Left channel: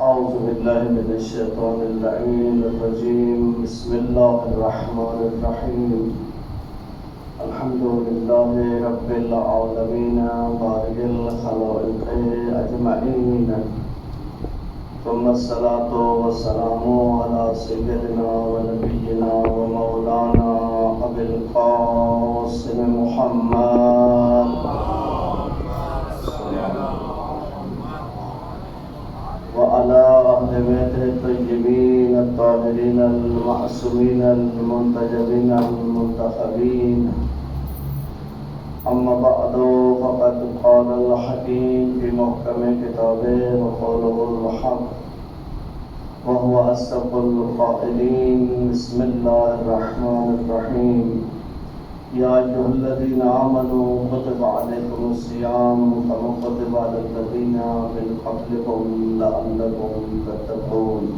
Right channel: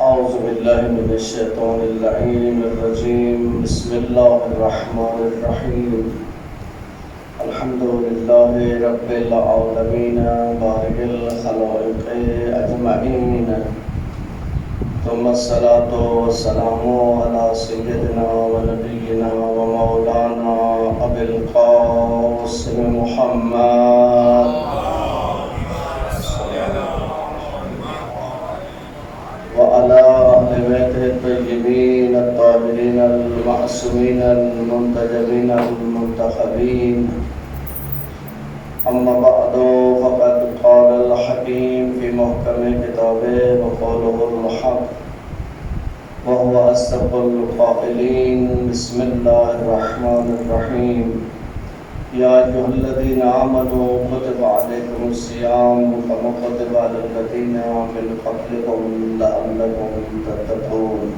أعوذ بالله من الشيطان اللعين الرجيم. بسم الله الرحمن الرحيم. الحمد لله رب العالمين بارئ الخلائق أجمعين، ثم الصلاة والسلام على سيدنا ونبينا ومولانا أبي القاسم محمد وعلى أهل بيته الطيبين الطاهرين المعصومين المنتجبين المنتخبين. أما بعد، فقد قال الحكيم في محكم كتابه وقوله الحق وهو أصدق القائلين. بسم الله الرحمن الرحيم. يا أيها الذين آمنوا كتب عليكم الصيام كما كتب على الذين من قبلكم لعلكم تتقون.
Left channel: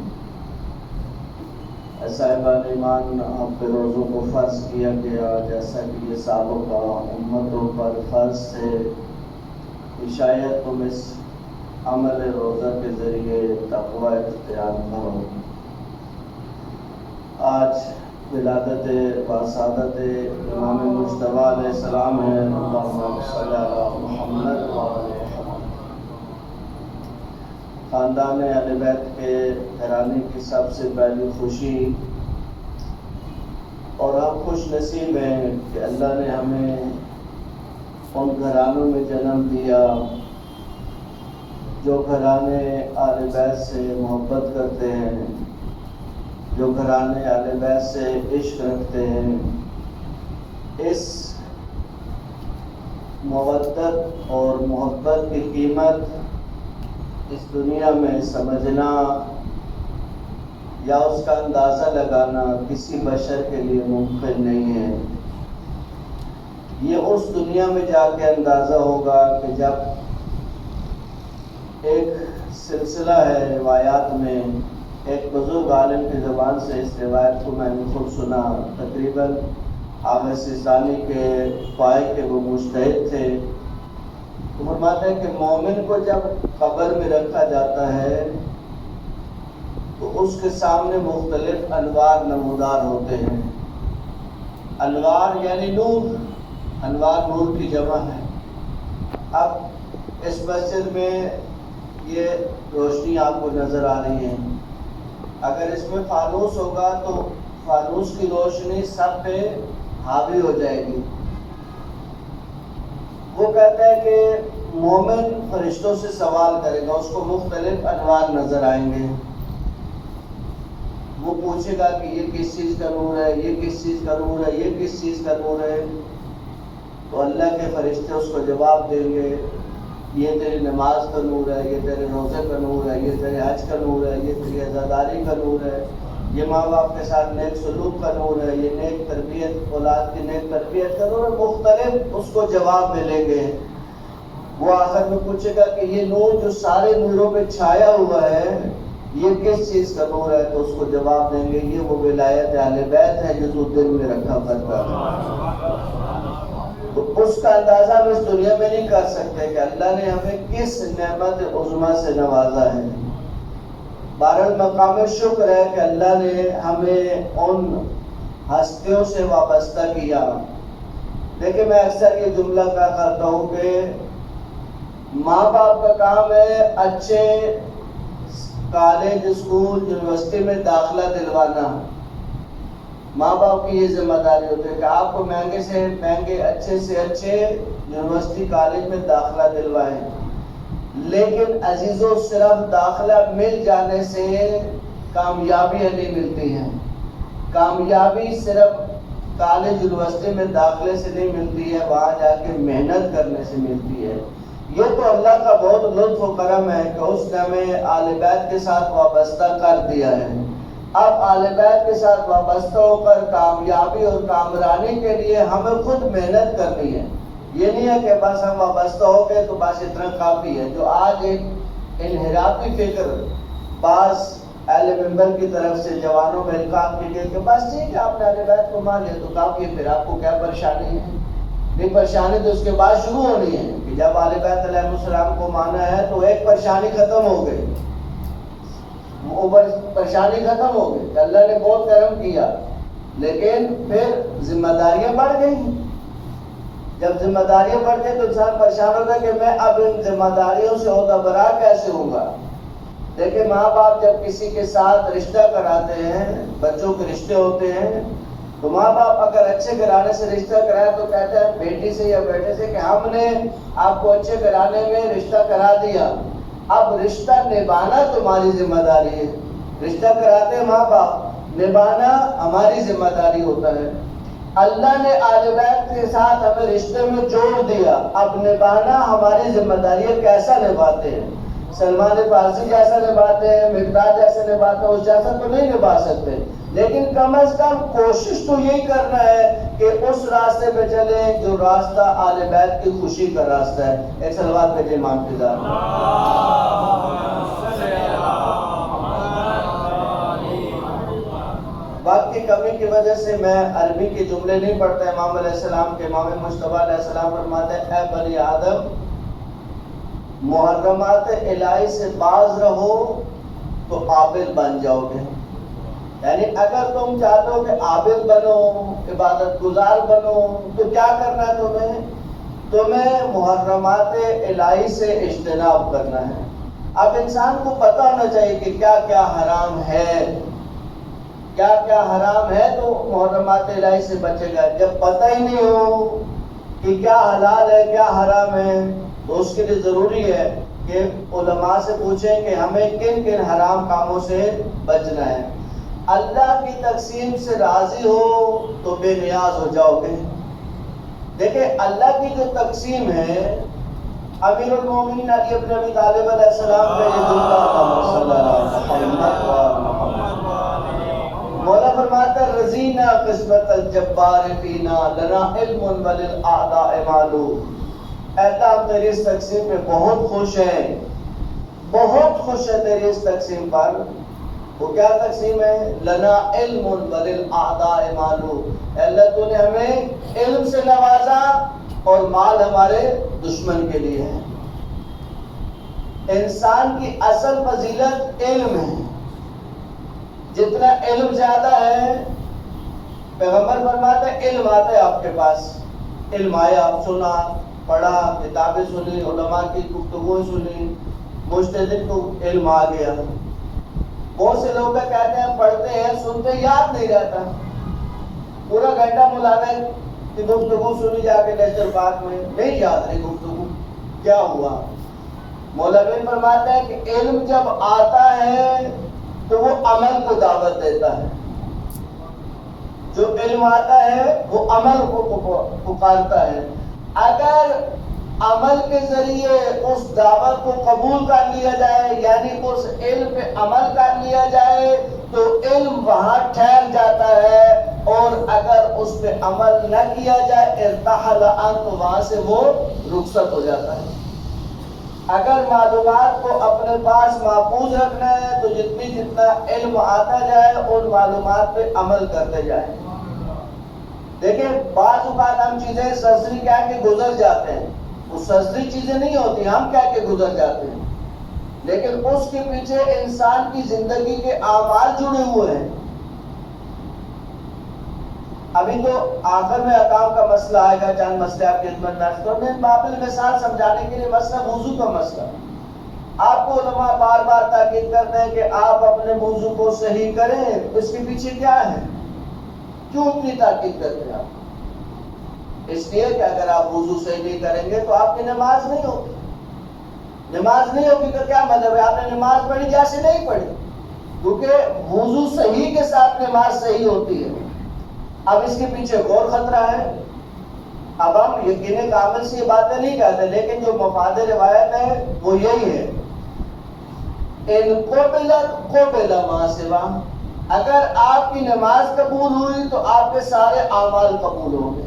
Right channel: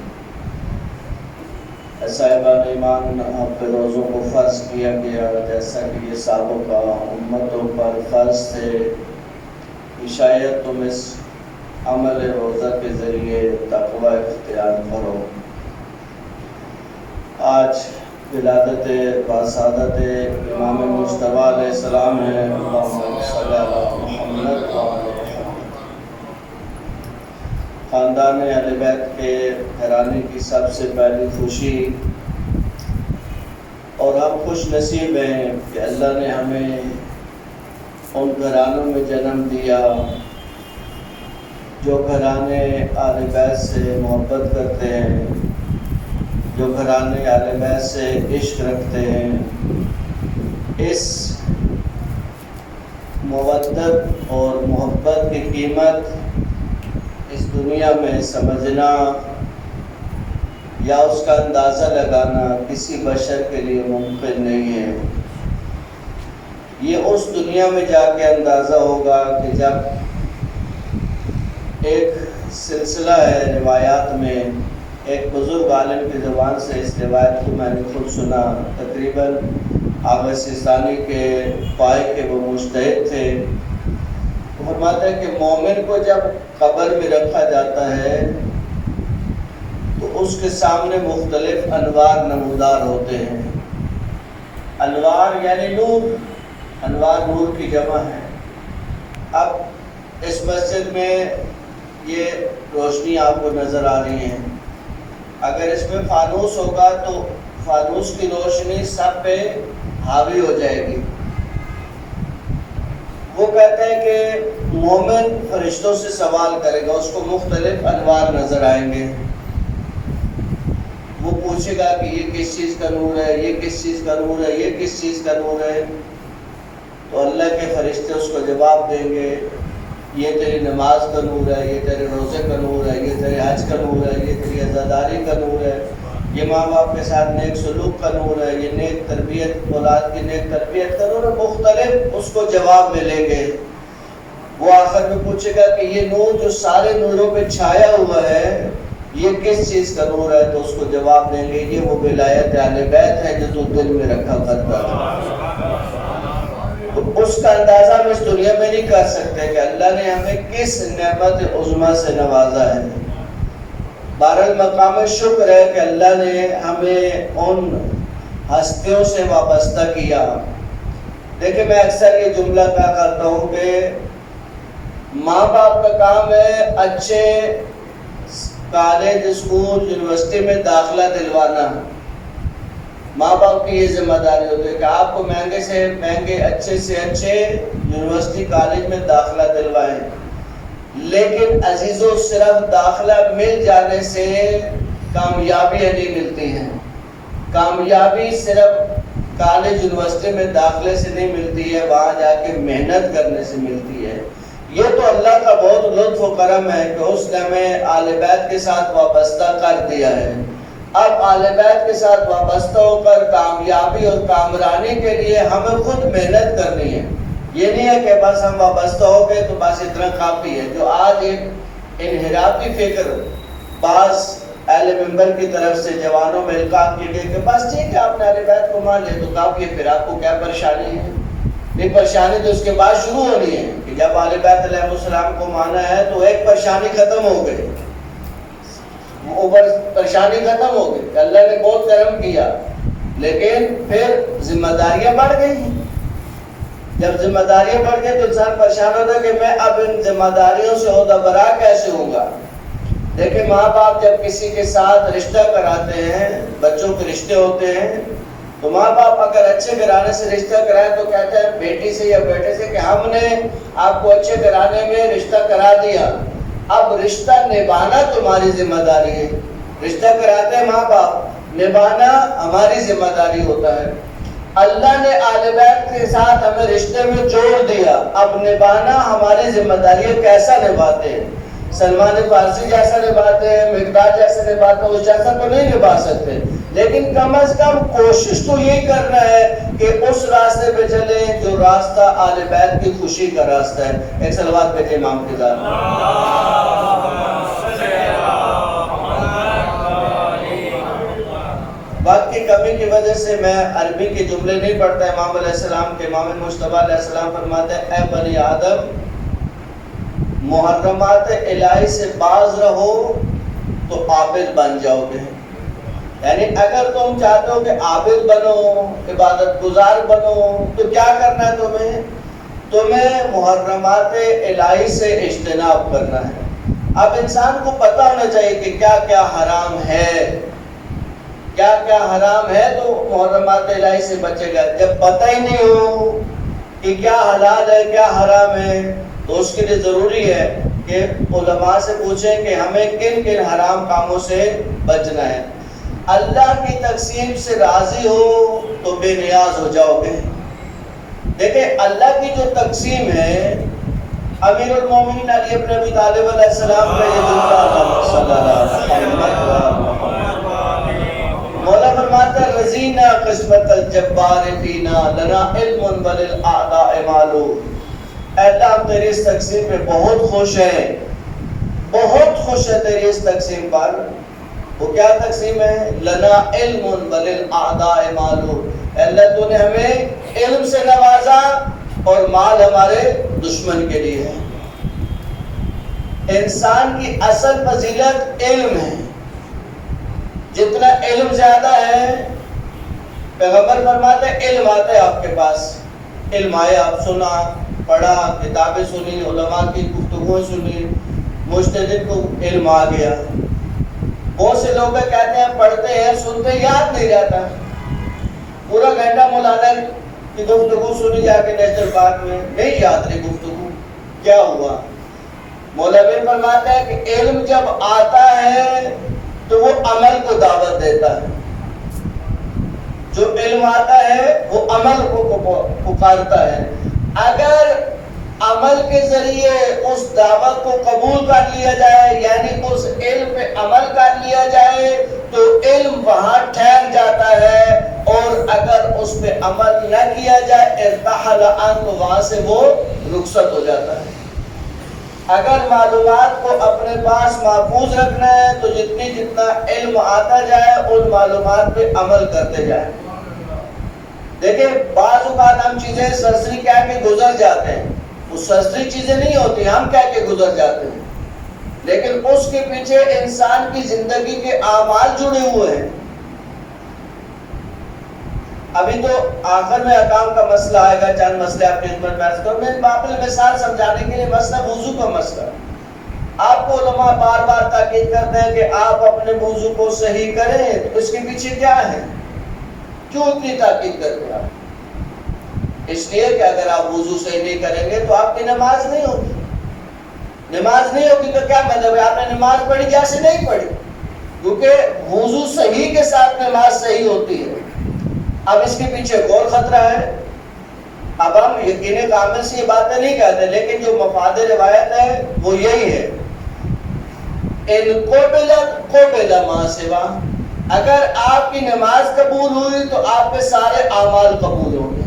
صاحبان ایمان، آپ پہ روزوں کو فرض کیا گیا جیسا کہ یہ سابقہ امتوں پر فرض تھے، شاید تم اس عمل روزہ کے ذریعے تقوی اختیار کرو۔ آج ولادت وسعادت امام مجتبی علیہ السلام ہے، اللہم صلی علی محمد وعلی محمد۔ خاندان اہل بیت کے گھرانے کی سب سے پہلی خوشی، اور ہم خوش نصیب ہیں کہ اللہ نے ہمیں ان گھرانوں میں جنم دیا جو گھرانے اہل بیت سے محبت کرتے ہیں، جو گھرانے اہل بیت سے عشق رکھتے ہیں۔ اس مودت اور محبت کی قیمت اس دنیا میں سمجھنا یا اس کا اندازہ لگانا کسی بشر کے لیے ممکن نہیں ہے۔ یہ اس دنیا میں جا کے اندازہ ہوگا کہ جب ایک سلسلہ ہے روایات میں، ایک بزرگ عالم کی زبان سے اس روایت کو میں نے خود سنا، تقریباً آغا سیستانی کے پائے کے وہ مجتہد تھے۔ وہ فرماتے ہیں کہ مومن کو جب قبر میں رکھا جاتا ہے تو اس کے سامنے مختلف انوار نمودار ہوتے ہیں۔ انوار یعنی نور، انوار نور کی جمع ہے۔ اب اس مسجد میں یہ روشنی آپ کو نظر آ رہی ہے، اگر اس میں فانوس ہوگا تو فانوس کی روشنی سب پہ حاوی ہو جائے گی۔ وہ کہتے ہیں کہ مومن فرشتوں سے سوال کرے گا، اس کو مختلف انوار نظر آئیں گے۔ وہ پوچھے گا کہ یہ کس چیز کا نور ہے، یہ کس چیز کا نور ہے، یہ کس چیز کا نور ہے؟ تو اللہ کے فرشتے اس کو جواب دیں گے، یہ تیری نماز کا نور ہے، یہ تیرے روزے کا نور ہے، یہ تیرے حج کا نور ہے، یہ تیری عزاداری کا نور ہے، یہ ماں باپ کے ساتھ نیک سلوک کا نور ہے، یہ نیک تربیت، اولاد کی نیک تربیت کا نور ہے۔ مختلف اس کو جواب ملیں گے۔ وہ آخر میں پوچھے گا کہ یہ نور جو سارے نوروں پہ چھایا ہوا ہے یہ کس چیز کا نور ہے؟ تو اس کو جواب دیں گے یہ وہ ولایت اہل بیت ہے جو تو دل میں رکھا کرتا ہے۔ تو اس کا اندازہ ہم اس دنیا میں نہیں کر سکتے کہ اللہ نے ہمیں کس نعمت عظمیٰ سے نوازا ہے۔ بہرحال مقام شکر ہے کہ اللہ نے ہمیں ان ہستیوں سے وابستہ کیا۔ دیکھیں، میں اکثر یہ جملہ کہا کرتا ہوں کہ ماں باپ کا کام ہے اچھے کالج، اسکول، یونیورسٹی میں داخلہ دلوانا۔ ماں باپ کی یہ ذمہ داری ہوتی ہے کہ آپ کو مہنگے سے مہنگے، اچھے سے اچھے یونیورسٹی کالج میں داخلہ دلوائیں، لیکن عزیزو صرف داخلہ مل جانے سے کامیابیاں نہیں ملتی ہیں۔ کامیابی صرف کالج یونیورسٹی میں داخلے سے نہیں ملتی ہے، وہاں جا کے محنت کرنے سے ملتی ہے۔ یہ تو اللہ کا بہت لطف و کرم ہے کہ اس نے ہمیں آل بیت کے ساتھ وابستہ کر دیا ہے۔ اب آل بیت کے ساتھ وابستہ ہو کر کامیابی اور کامرانی کے لیے ہمیں خود محنت کرنی ہے۔ یہ نہیں ہے کہ بس ہم وابستہ ہو گئے تو بس اتنا کافی ہے۔ جو آج ایک انحرافی فکر بعض اہل منبر کی طرف سے جوانوں میں القاء کی گئی کہ بس ٹھیک ہے آپ نے اہل بیت کو مان لیا تو کافی ہے، پھر آپ کو کیا پریشانی ہے؟ یہ پریشانی تو اس کے بعد شروع ہونی ہے کہ جب اہل بیت علیہ السلام کو مانا ہے تو ایک پریشانی ختم ہو گئی۔ اوپر پریشانی ختم ہو گئی، اللہ نے بہت کرم کیا، لیکن پھر ذمہ داریاں بڑھ گئی۔ جب ذمہ داریاں بڑھ گئی تو انسان پریشان ہوتا ہے کہ میں اب ان ذمہ داریوں سے عہدہ برا کیسے ہوں گا۔ دیکھیں ماں باپ جب کسی کے ساتھ رشتہ کراتے ہیں، بچوں کے رشتے ہوتے ہیں، تو ماں باپ اگر اچھے گھرانے سے رشتہ کرائے تو کہتے ہیں بیٹی سے یا بیٹے سے کہ ہم نے آپ کو اچھے گھرانے میں رشتہ کرا دیا، اب رشتہ نبھانا تمہاری ذمہ داری ہے۔ رشتہ کراتے ہیں ماں باپ، نبھانا ہماری ذمہ داری ہوتا ہے۔ اللہ نے آل بیت کے ساتھ ہمیں رشتے میں جوڑ دیا، اب نبھانا ہماری ذمہ داری ہے۔ کیسا نبھاتے ہیں؟ سلمان فارسی جیسا نبھاتے ہیں، مقداد جیسا نبھاتے ہیں، اس جیسا تو نہیں نبھا سکتے، لیکن کم از کم کوشش تو یہی کرنا ہے کہ اس راستے پہ چلیں جو راستہ آل بیت کی خوشی کا راستہ ہے۔ ایک صلوات پہ امام کی ذات۔ وقت کی کمی کی وجہ سے میں عربی کے جملے نہیں پڑھتا۔ امام علیہ السلام کے امام مصطفیٰ علیہ السلام فرماتے ہیں اے بنی آدم، محرمات الہی سے باز رہو تو عابد بن جاؤ گے۔ یعنی اگر تم چاہتے ہو کہ عابد بنو، عبادت گزار بنو، تو کیا کرنا ہے؟ تمہیں محرمات الہی سے اجتناب کرنا ہے۔ اب انسان کو پتہ ہونا چاہیے کہ کیا کیا حرام ہے، کیا کیا حرام ہے تو محرمات الہی سے بچے گا۔ جب پتہ ہی نہیں ہو کہ کیا حلال ہے کیا حرام ہے تو اس کے لیے ضروری ہے کہ علماء سے پوچھیں کہ ہمیں کن کن حرام کاموں سے بچنا ہے۔ اللہ کی تقسیم سے راضی ہو تو بے نیاز ہو جاؤ گے۔ دیکھیں اللہ کی جو تقسیم ہے، امیر المومنین علی بن ابی طالب علیہ السلام کا یہ جملہ صلی اللہ علیہ وسلم، مولا فرماتا ہے رضینا قسمت الجبار فینا لنا علم وللأعداء مالو۔ اے اللہ ہم تیری اس تقسیم پہ بہت خوش ہیں، بہت خوش ہے تیری اس تقسیم پر۔ وہ کیا تقسیم ہے؟ لنا علم وللأعداء مالو۔ اے اللہ تو نے ہمیں علم سے نوازا اور مال ہمارے دشمن کے لیے ہے۔ انسان کی اصل فضیلت علم ہے، جتنا علم زیادہ ہے، پیغمبر فرماتے ہیں علم آتا ہے آپ کے پاس، علم آئے، آپ سنا پڑھا، کتابیں سنی، علماء کی گفتگویں سنی، مجتہد کو علم آ گیا۔ بہت سے لوگ کہتے ہیں پڑھتے ہیں سنتے یاد نہیں رہتا، پورا گھنٹہ مولانا کی گفتگو سنی جا کے نیشنل پارک میں، نہیں یاد رہی گفتگو، کیا ہوا؟ مولوی فرماتا ہے کہ علم جب آتا ہے تو وہ عمل کو دعوت دیتا ہے۔ جو علم آتا ہے وہ عمل کو پکارتا ہے۔ اگر عمل کے ذریعے اس دعوت کو قبول کر لیا جائے، یعنی اس علم پہ عمل کر لیا جائے، تو علم وہاں ٹھہر جاتا ہے، اور اگر اس پہ عمل نہ کیا جائے ارتحل عنہ، تو وہاں سے وہ رخصت ہو جاتا ہے۔ اگر معلومات کو اپنے پاس محفوظ رکھنا ہے تو جتنا علم آتا جائے ان معلومات پہ عمل کرتے جائیں۔ دیکھیں بعض اوقات ہم چیزیں سرسری کہہ کے گزر جاتے ہیں، وہ سرسری چیزیں نہیں ہوتی، ہم کہہ کے گزر جاتے ہیں، لیکن اس کے پیچھے انسان کی زندگی کے اعمال جڑے ہوئے ہیں۔ ابھی تو آخر میں احکام کا مسئلہ آئے گا، چند مسئلے آپ کے خدمت میں عرض کروں۔ میں باطل مثال سمجھانے کے لیے مسئلہ وضو کا مسئلہ، آپ کو علماء بار بار تاکید کرتے ہیں کہ آپ اپنے وضو کو صحیح کریں، تو اس کے پیچھے کیا ہے؟ کیوں اتنی تاکید کرتے ہیں آپ؟ اس لیے کہ اگر آپ وضو صحیح نہیں کریں گے تو آپ کی نماز نہیں ہوگی۔ نماز نہیں ہوگی تو کیا مطلب ہے؟ آپ نے نماز پڑھی جیسے نہیں پڑھی، کیونکہ وضو صحیح کے ساتھ نماز صحیح ہوتی ہے۔ اب اس کے پیچھے غور خطرہ ہے۔ اب ہم یقین کامل سے یہ باتیں نہیں کہتے، لیکن جو مفاد روایت ہے وہ یہی ہے، ان قبلت ما سوا، اگر آپ کی نماز قبول ہوئی تو آپ کے سارے اعمال قبول ہوں گے۔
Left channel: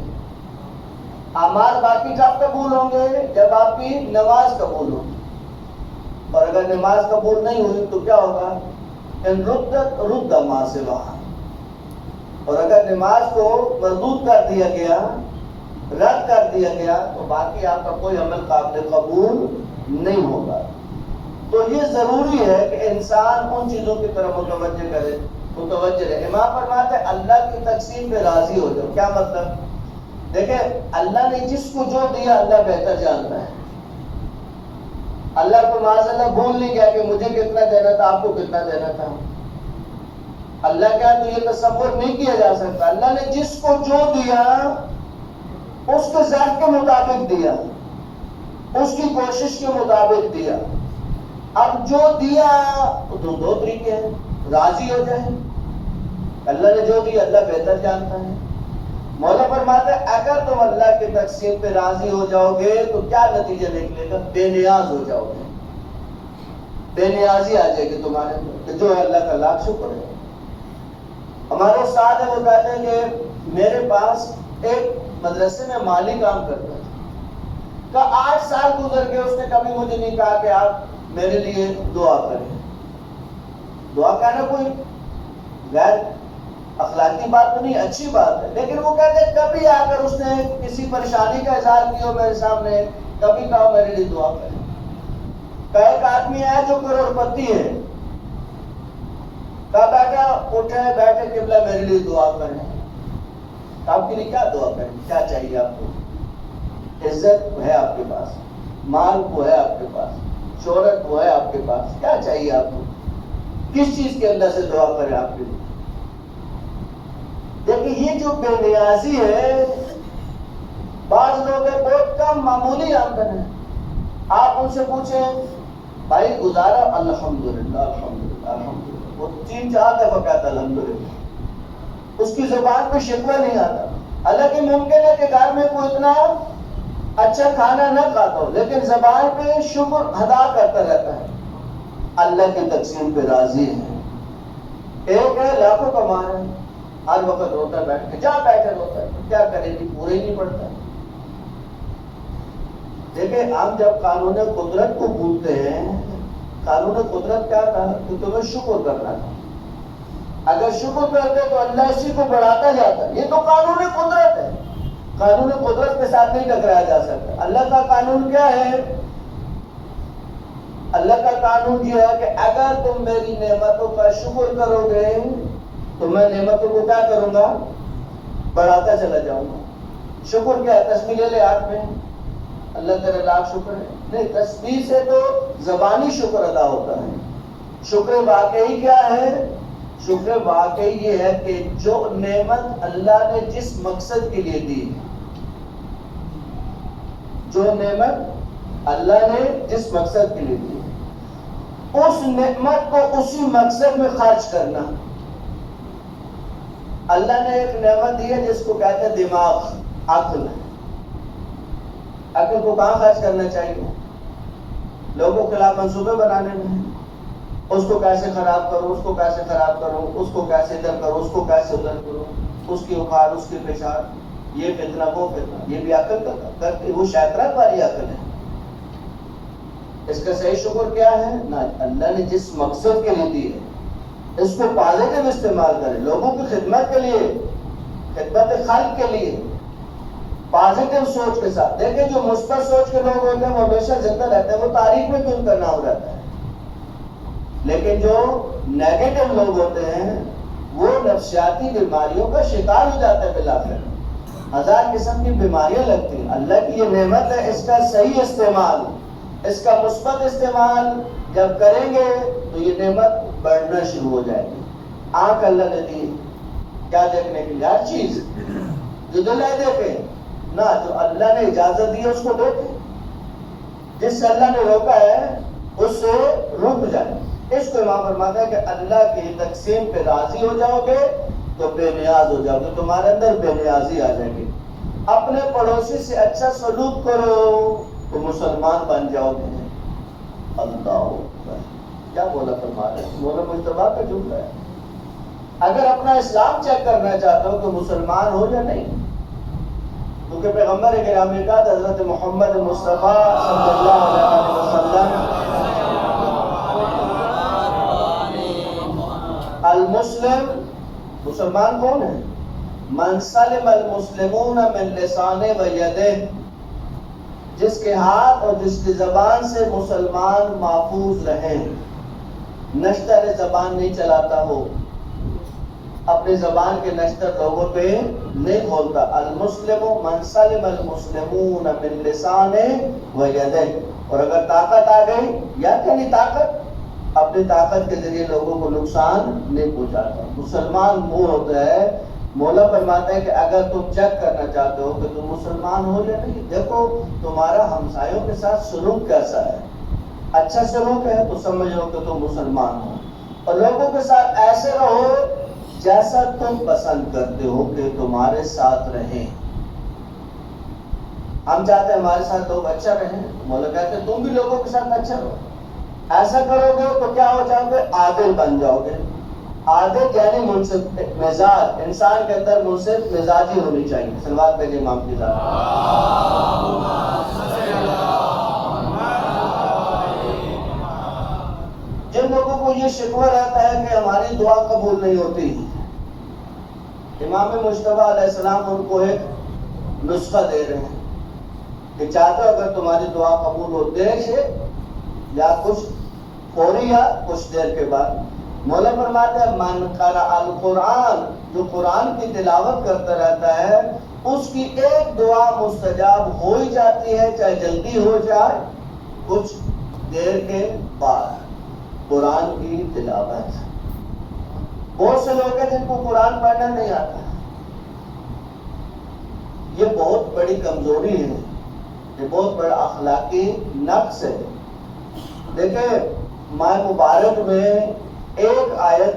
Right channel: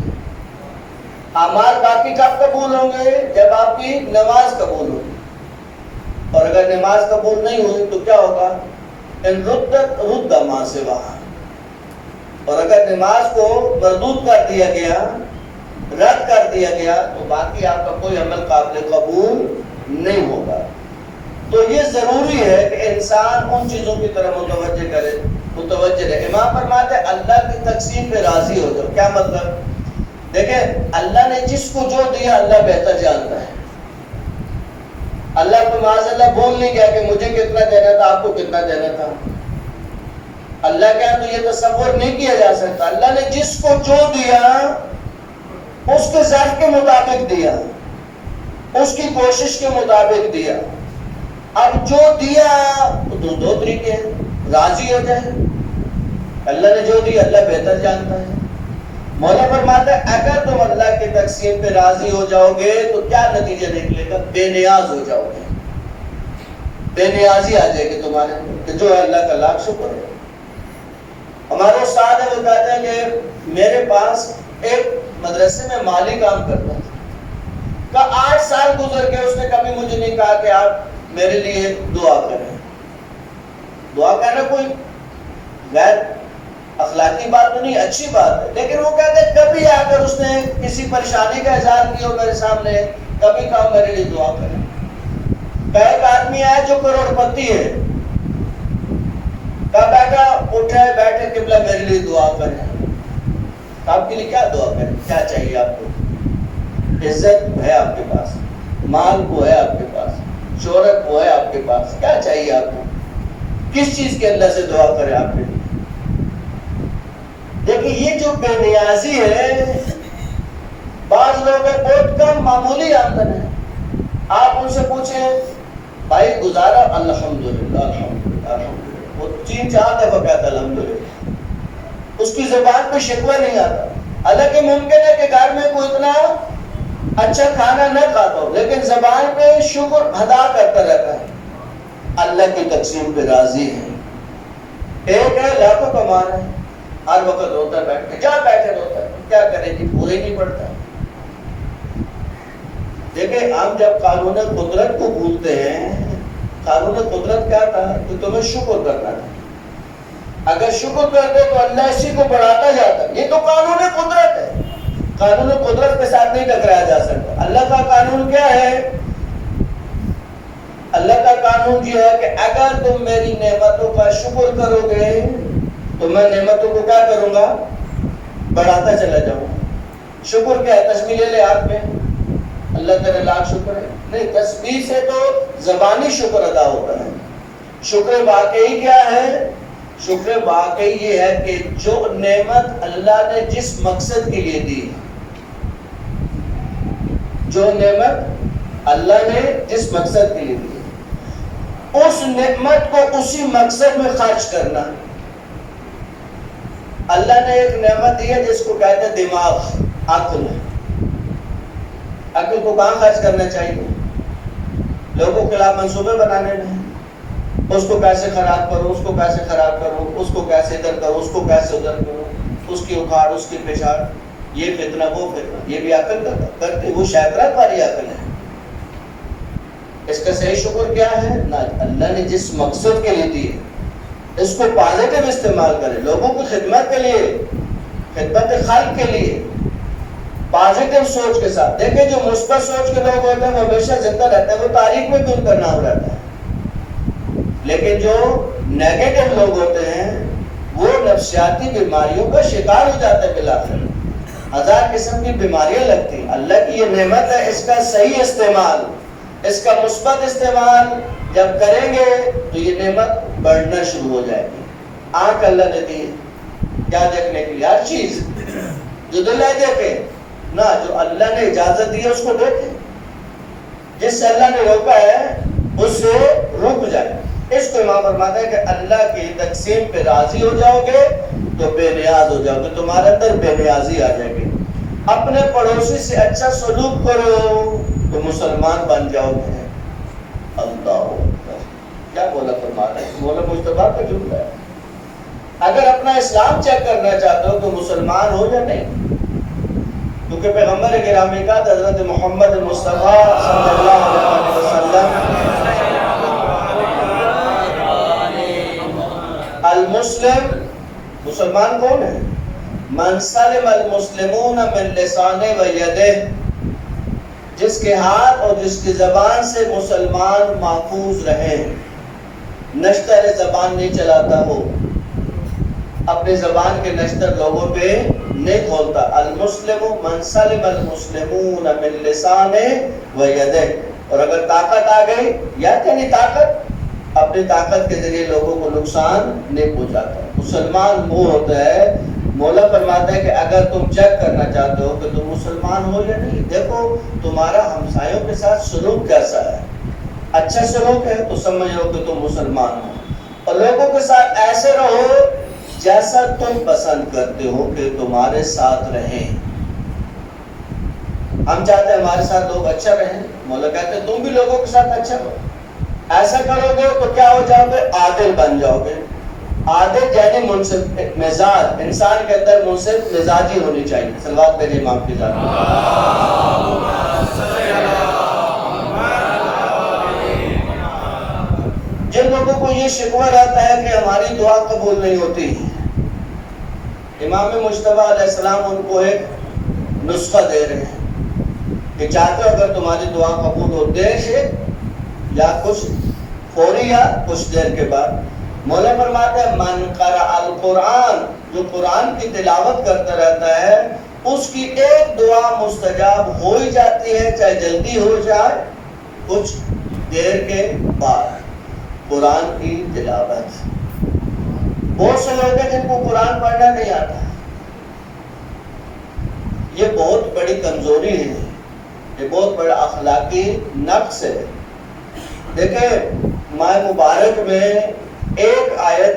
اعمال باقی کب قبول ہوں گے؟ جب آپ کی نماز قبول ہوگی۔ اور اگر نماز قبول نہیں ہوئی تو کیا ہوگا؟ ان رد ما سوا، اور اگر نماز کو مردود کر دیا گیا، رد کر دیا گیا، تو باقی آپ کا کوئی عمل قابل قبول نہیں ہوگا۔ تو یہ ضروری ہے کہ انسان ان چیزوں کی طرف متوجہ رہے. امام فرماتے ہیں اللہ کی تقسیم پہ راضی ہو جاؤ. کیا مطلب؟ دیکھیں اللہ نے جس کو جو دیا اللہ بہتر جانتا ہے. اللہ کو معاذ اللہ بھول نہیں گیا کہ مجھے کتنا دینا تھا، آپ کو کتنا دینا تھا. اللہ کیا تو یہ تصور نہیں کیا جا سکتا. اللہ نے جس کو جو دیا اس کے ظرف کے مطابق دیا، اس کی کوشش کے مطابق دیا. اب جو دیا تو دو طریقے ہیں، راضی ہو جائے. اللہ نے جو دیا اللہ بہتر جانتا ہے. مولا فرماتا ہے اگر تم اللہ کی تقسیم پہ راضی ہو جاؤ گے تو کیا نتیجہ نکلے گا؟ بے نیاز ہو جاؤ گے. بے نیازی آ جائے گی تمہارے اندر، جو ہے اللہ کا لاکھ شکر ہے. ہمارے استاد ہے وہ کہتے ہیں کہ میرے پاس ایک مدرسے میں مالی کام کرتا تھا. کا 8 سال گزر گئے، اس نے کبھی مجھے نہیں کہا کہ آپ میرے لیے دعا کریں. دعا کرنا کوئی غیر اخلاقی بات تو نہیں، اچھی بات ہے، لیکن وہ کہتے ہیں کبھی آ کر اس نے کسی پریشانی کا اظہار کیا میرے سامنے، کبھی کہا میرے لیے دعا کریں. ایک آدمی آیا جو کروڑ پتی ہے، کہا بیٹا اٹھے بیٹھے قبلہ میرے لیے دعا کریں. آپ کے لیے کیا دعا کریں؟ کیا چاہیے آپ کو؟ عزت ہے آپ کے پاس، مال وہ ہے آپ کے پاس، شہرت وہ ہے آپ کے پاس، کیا چاہیے آپ کو؟ کس چیز کے اللہ سے دعا کریں آپ کے لیے؟ دیکھیں یہ جو بے نیازی ہے، بعض لوگ بہت کم معمولی آمدن ہے، آپ ان سے پوچھیں بھائی گزارا؟ الحمدللہ الحمدللہ الحمدللہ. وہ 3-4 دفعہ کہتا الحمدللہ، اس کی زبان پہ شکوہ نہیں آتا. حالانکہ ممکن ہے کہ گھر میں کوئی اتنا اچھا کھانا نہ کھاتا ہو، لیکن زبان پہ شکر ادا کرتا رہتا ہے. اللہ کی تقسیم پہ راضی ہے. ایک ہے لاکھوں کما رہے ہیں، ہر وقت روتا بیٹھتا ہے، جا بیٹھے روتا ہے، کیا کرے جی، پورے ہی نہیں پڑتا. دیکھیں ہم جب قانون قدرت کو بھولتے ہیں، قانون قدرت کیا تھا کہ تمہیں شکر کرنا تھا. اگر شکر کرتے تو اللہ اسی کو بڑھاتا جاتا. یہ تو قانون قدرت ہے، قانون قدرت کے ساتھ نہیں ٹکرایا جا سکتا. اللہ کا قانون کیا ہے؟ اللہ کا قانون یہ ہے کہ اگر تم میری نعمتوں کا شکر کرو گے تو میں نعمتوں کو کیا کروں گا؟ بڑھاتا چلا جاؤں. شکر کیا ہے؟ تسبیح لے ہاتھ میں، اللہ تعالیٰ لاکھ شکر ہے. نہیں، تسبیح سے تو زبانی شکر ادا ہوتا ہے. شکر واقعی کیا ہے؟ شکر واقعی یہ ہے کہ جو نعمت اللہ نے جس مقصد کے لیے دی، جو نعمت اللہ نے جس مقصد کے لیے دی، اس نعمت کو اسی مقصد میں خرچ کرنا. اللہ نے ایک نعمت دی ہے جس کو کہتے ہیں دماغ، عقل. عقل کو کہاں خرچ کرنا چاہیے؟ لوگوں کے خلاف منصوبے بنانے میں. اس کو کیسے خراب کرو، اس کو کیسے خراب کرو، اس کو کیسے ادھر کرو، اس کو کیسے ادھر کرو، اس کی اکھاڑ، اس کی پچھاڑ، یہ فتنہ وہ فتنہ. یہ بھی عقل کرتی، وہ شیطان والی عقل ہے. اس کا صحیح شکر کیا ہے؟ نہ، اللہ نے جس مقصد کے لیے دی ہے اس کو پازیٹیو استعمال کرے، لوگوں کی خدمت کے لیے، خدمت خلق کے لیے، پازیٹیو سوچ کے ساتھ. دیکھیں جو مثبت سوچ کے لوگ ہوتے ہیں وہ ہمیشہ زندہ رہتے ہیں، وہ تاریخ میں بھی ان کا نام رہتا ہے. لیکن جو نیگیٹو لوگ ہوتے ہیں وہ نفسیاتی بیماریوں کا شکار ہو جاتا ہے. بالآخر 1000 قسم کی بیماریاں لگتی ہیں. اللہ کی یہ نعمت ہے، اس کا صحیح استعمال، اس کا مثبت استعمال جب کریں گے تو یہ نعمت بڑھنا شروع ہو جائے گی. آنکھ اللہ نے دی کیا دیکھنے کے لیے؟ ہر چیز. جو دل ہے دیکھے نہ، جو اللہ نے اجازت دی ہے اس کو دیکھے. جس سے اللہ نے روکا ہے اس سے رک جائے. اس کو امام فرماتا ہے کہ اللہ کی تقسیم پہ راضی ہو جاؤ گے تو بے نیاز ہو جاؤ گے، تمہارے اندر بے نیازی آ جائے گی. اپنے پڑوسی سے اچھا سلوک کرو تو مسلمان بن جاؤ گے. اللہ کیا بولا فرماتا ہے؟ مولا مصطفیٰ کا جملہ ہے. اگر اپنا اسلام چیک کرنا چاہتے ہو تو مسلمان ہو یا نہیں، کیونکہ پیغمبر گرامی کا حضرت محمد مصطفیٰ صلی اللہ علیہ وسلم المسلم، مسلمان کون ہے؟ من سلم المسلمون من لسانہ و یدہ، جس کے ہاتھ اور جس کی زبان سے مسلمان محفوظ رہیں، نشتر زبان نہیں چلاتا ہو، اپنی زبان کے نشتر لوگوں پہ نہیں کھولتا۔ المسلم من سلم المسلمون من لسانہ و یدہ، اور اگر طاقت آ گئی یا یعنی طاقت، اپنی طاقت کے ذریعے لوگوں کو نقصان نہیں پہنچاتا۔ مسلمان وہ ہوتا ہے، مولا فرماتا ہے کہ اگر تم چیک کرنا چاہتے ہو کہ تم مسلمان ہو یا نہیں، دیکھو تمہارا ہمسایوں کے ساتھ سلوک کیسا ہے، اچھا سلوک ہے تو سمجھ لو کہ تم مسلمان ہو، اور لوگوں کے ساتھ ایسے رہو جیسا تم پسند کرتے ہو کہ تمہارے ساتھ رہیں۔ ہم چاہتے ہیں ہمارے ساتھ لوگ اچھا رہیں، مولا کہتے ہیں تم بھی لوگوں کے ساتھ اچھا رہو۔ ایسا کرو گے تو کیا ہو جاؤ گے؟ عادل بن جاؤ گے۔ عادل یعنی منصف مزاج، انسان کے اندر منصف مزاجی ہونی چاہیے۔ صلوات بھیجے امام کی ذات۔ جن لوگوں کو یہ شکوہ رہتا ہے کہ ہماری دعا قبول نہیں ہوتی، امام مجتبیٰ علیہ السلام ان کو ایک نسخہ دے رہے ہیں کہ چاہتے ہو اگر تمہاری دعا قبول ہو، دیر سے یا کچھ فوری یا کچھ دیر کے بعد۔ مولا فرماتے ہیں من قرأ القرآن، جو قرآن کی تلاوت کرتا رہتا ہے اس کی ایک دعا مستجاب ہو ہی جاتی ہے، چاہے جلدی ہو جائے کچھ دیر کے بعد۔ قرآن کی تلاوت، بہت سے لوگ ہیں جن کو قرآن پڑھنا نہیں آتا، یہ بہت بڑی کمزوری ہے، یہ بہت بڑا اخلاقی نقص ہے۔ دیکھیں ماہ مبارک میں ایک آیت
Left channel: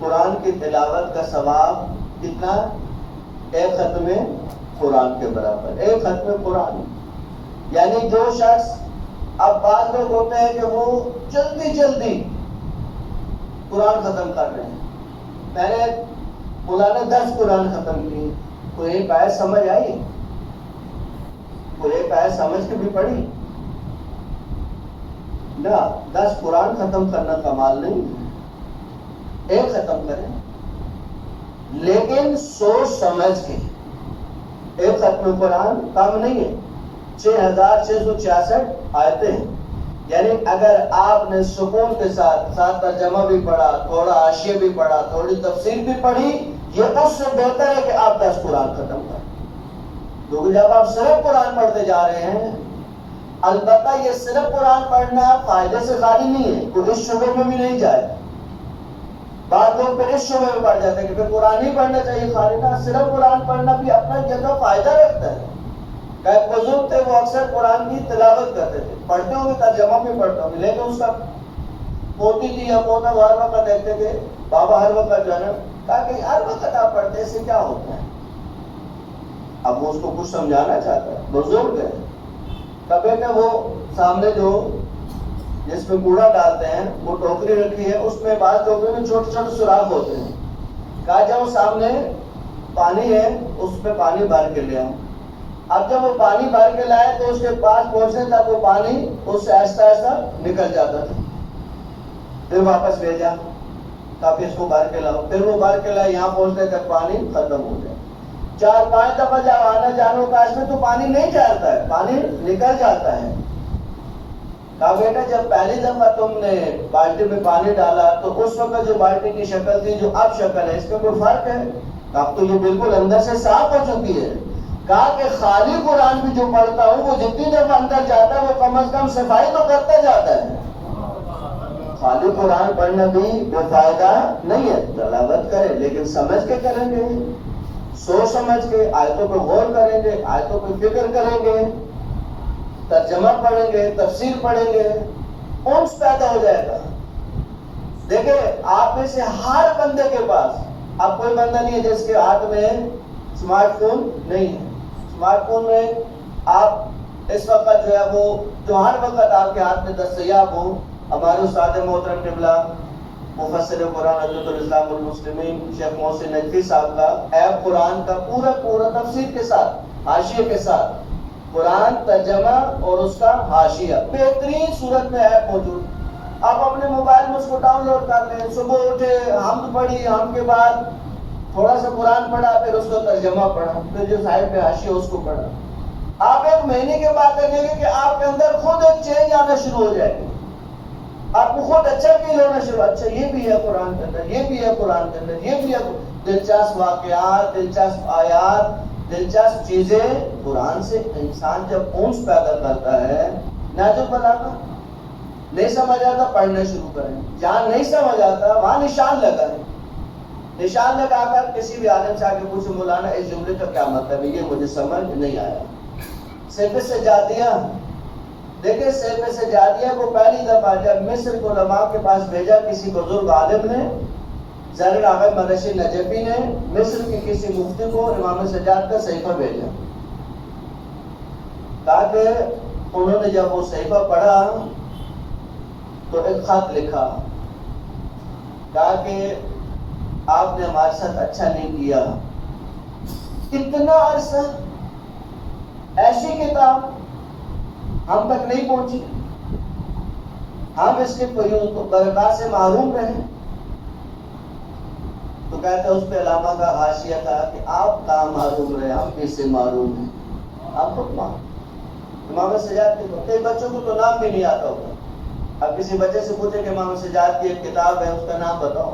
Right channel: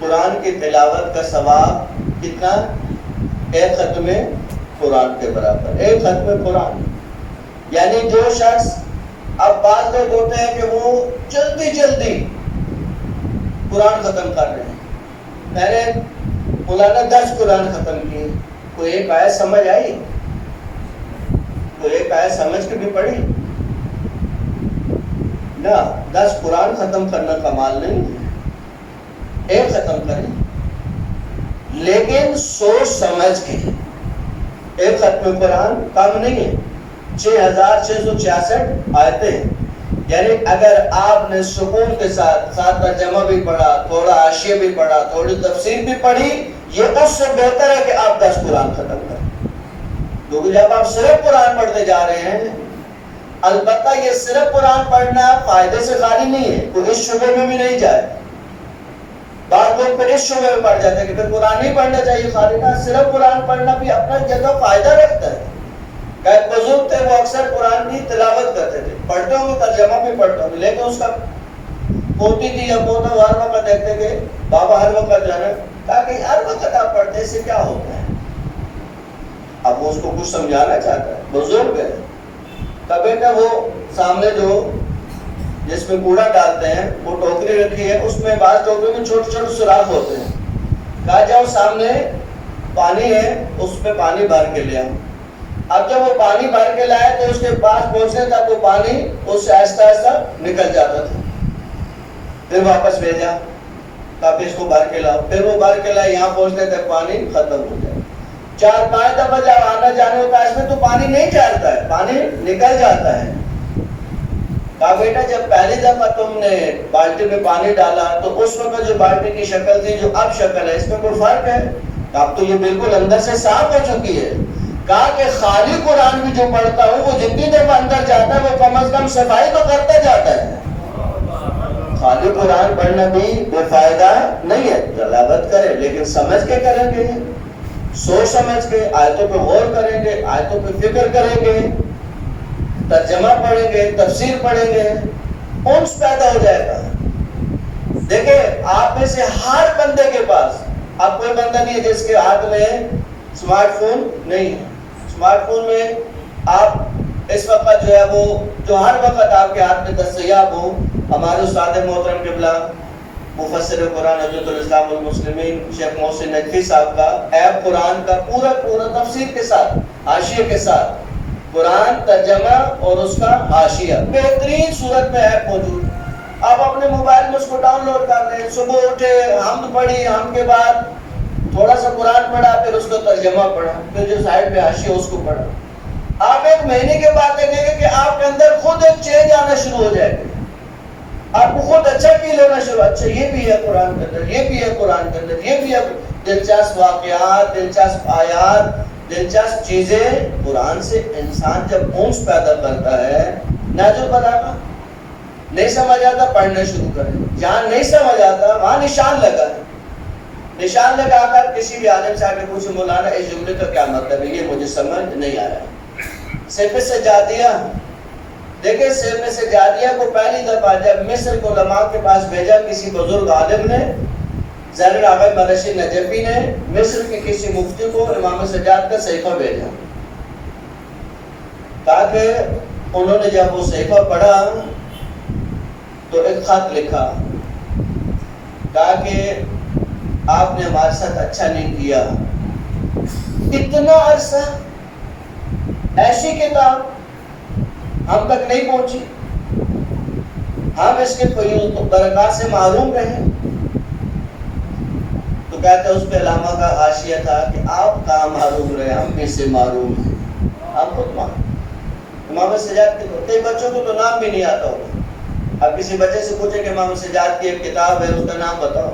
قرآن کی تلاوت کا ثواب کتنا؟ ایک ختم قرآن کے برابر، ایک ختم قرآن۔ یعنی جو شخص، اب بعض لوگ ہوتے ہیں کہ وہ جلدی جلدی قرآن ختم کر رہے ہیں، میں نے مولانا 10 قرآن ختم کیے، کوئی ایک آیت سمجھ آئی؟ کوئی ایک آیت سمجھ کے بھی پڑھی؟ نہ، 10 قرآن ختم کرنا کمال نہیں ہے، ایک ختم کریں لیکن سوچ سمجھ کے۔ ایک ختم قرآن کم نہیں ہے، 6666 آیتیں، یعنی اگر آپ نے سکون کے ساتھ ترجمہ بھی پڑھا، تھوڑا حاشیہ بھی پڑھا، تھوڑی تفسیر بھی پڑھی، یہ اس سے بہتر ہے کہ آپ 10 قرآن ختم کریں۔ کیونکہ جب آپ صرف قرآن پڑھتے جا رہے ہیں، البتہ یہ صرف قرآن پڑھنا فائدے سے خالی نہیں ہے، کوئی اس شعبے میں بھی نہیں جائے۔ بعض لوگ پھر اس شعبے میں پڑھ جاتے ہیں کہ پھر قرآن نہیں پڑھنا چاہیے خالی، نہ، صرف قرآن پڑھنا بھی اپنا جگہ فائدہ رکھتا ہے۔ ایک بزرگ تھے، وہ اکثر قرآن کی تلاوت کرتے تھے، پڑھتے ہوں گے ترجمہ بھی پڑھتے ہوں گے، لیکن اس کا پوتی تھی یا پوتا ہر وقت دیکھتے کہ بابا ہر وقت جانا، کہا کہ ہر وقت آپ پڑھتے ہیں، اس سے کیا ہوتا ہے؟ اب وہ اس کو کچھ سمجھانا چاہتا ہے، بزرگ ہے۔ تب بیٹا وہ سامنے جو جس میں کوڑا ڈالتے ہیں وہ ٹوکری رکھی ہے، اس میں بعض ٹوکری میں چھوٹے چھوٹے سوراخ ہوتے ہیں، کہا جاؤ سامنے پانی ہے اس میں پانی بھر کے لے آؤ۔ اب جب وہ پانی بھر کے لائے تو اس کے پاس پہنچنے تک وہ پانی اس سے آہستہ آہستہ نکل جاتا تھا، پھر واپس بھیجا، کہا پھر اس کو بھر کے لاؤ، پھر وہ بھر کے لائے، یہاں پہنچنے تک پانی ختم ہو جائے۔ 4-5 دفعہ جب آنا جانے ہوتا ہے اس میں تو پانی نہیں چڑھتا ہے، پانی نکل جاتا ہے۔ کہا بیٹا جب پہلی دفعہ تم نے بالٹی میں پانی ڈالا تو اس وقت جو بالٹی کی شکل تھی جو اب شکل ہے، اس میں کوئی فرق ہے؟ اب تو یہ بالکل اندر سے صاف ہو چکی ہے۔ کہا کہ خالی قرآن بھی جو پڑھتا ہوں وہ جتنی دفعہ اندر جاتا ہے وہ کم از کم صفائی تو کرتا جاتا ہے۔ خالی قرآن پڑھنا بھی بے فائدہ نہیں ہے، تلاوت کریں لیکن سمجھ کے کریں گے، سوچ سمجھ کے، آیتوں پہ غور کریں گے، آیتوں پہ فکر کریں گے، ترجمہ پڑھیں گے، تفسیر پڑھیں گے، انس پیدا ہو جائے گا۔ دیکھیں آپ میں سے ہر بندے کے پاس، اب کوئی بندہ نہیں ہے جس کے ہاتھ میں سمارٹ فون نہیں ہے۔ سمارٹ فون میں آپ اس وقت جو ہے وہ جو ہر وقت آپ کے ہاتھ میں دستیاب ہو، ہمارے استاد محترم قبلہ مفسر قرآن حضرت الاسلام والمسلمین شیخ محسن نجفی صاحب کا ایپ قرآن کا پورا تفسیر کے ساتھ، حاشیے کے ساتھ، قرآن ترجمہ اور اس کا حاشیہ بہترین صورت میں ایپ موجود۔ آپ اپنے موبائل میں اس کو ڈاؤن لوڈ کر لیں، صبح اٹھے حمد پڑھی، حمد کے بعد تھوڑا سا قرآن پڑھا، پھر اس کا ترجمہ پڑھا، پھر جو سائڈ پہ حاشیہ اس کو پڑھا۔ آپ ایک 8 مہینے کے بعد دیکھیں گے کہ آپ کے اندر خود ایک چینج آنا شروع ہو جائے گا. آپ کو خود اچھا فیل ہونا شروع, اچھا یہ بھی ہے قرآن کے اندر, یہ بھی ہے قرآن کے اندر, یہ بھی ہے. دلچسپ واقعات, دلچسپ آیات, دلچسپ چیزیں. قرآن سے انسان جب انس پیدا کرتا ہے, ناجو بلاغہ نہیں سمجھ آتا, پڑھنا شروع کریں. جہاں نہیں سمجھ آتا وہاں نشان لگا ہے. نشان لگا کر کسی بھی عالم سے آگے پوچھو, مولانا اس جملے کا کیا مطلب ہے, یہ مجھے سمجھ نہیں آیا. صرف سجادیہ دیکھیں, صرف سجادیہ کو پہلی دفعہ جب مصر کو علماء کے پاس بھیجا کسی بزرگ عالم نے, زین العابدین مرشد نجفی نے مصر کے کسی مفتی کو امام سجاد کا صحیفہ بھیجا, تاکہ انہوں نے جب وہ صحیفہ پڑھا تو ایک خط لکھا, کہا کہ آپ نے ہمارے ساتھ اچھا نہیں کیا. اتنا عرصہ ایسی کتاب ہم تک نہیں پہنچی, ہم اس کے فیوز برکات سے محروم رہے. تو کہتے ہیں اس پہ علامہ کا حاشیہ تھا کہ آپ کہاں محروم رہے, ہم بھی سے محروم ہیں, ہم خود محروم. امام سجاد کے کئی بچوں کو تو نام بھی نہیں آتا ہوگا. آپ کسی بچے سے پوچھیں کہ امام سجاد کی ایک کتاب ہے, اس کا نام بتاؤ.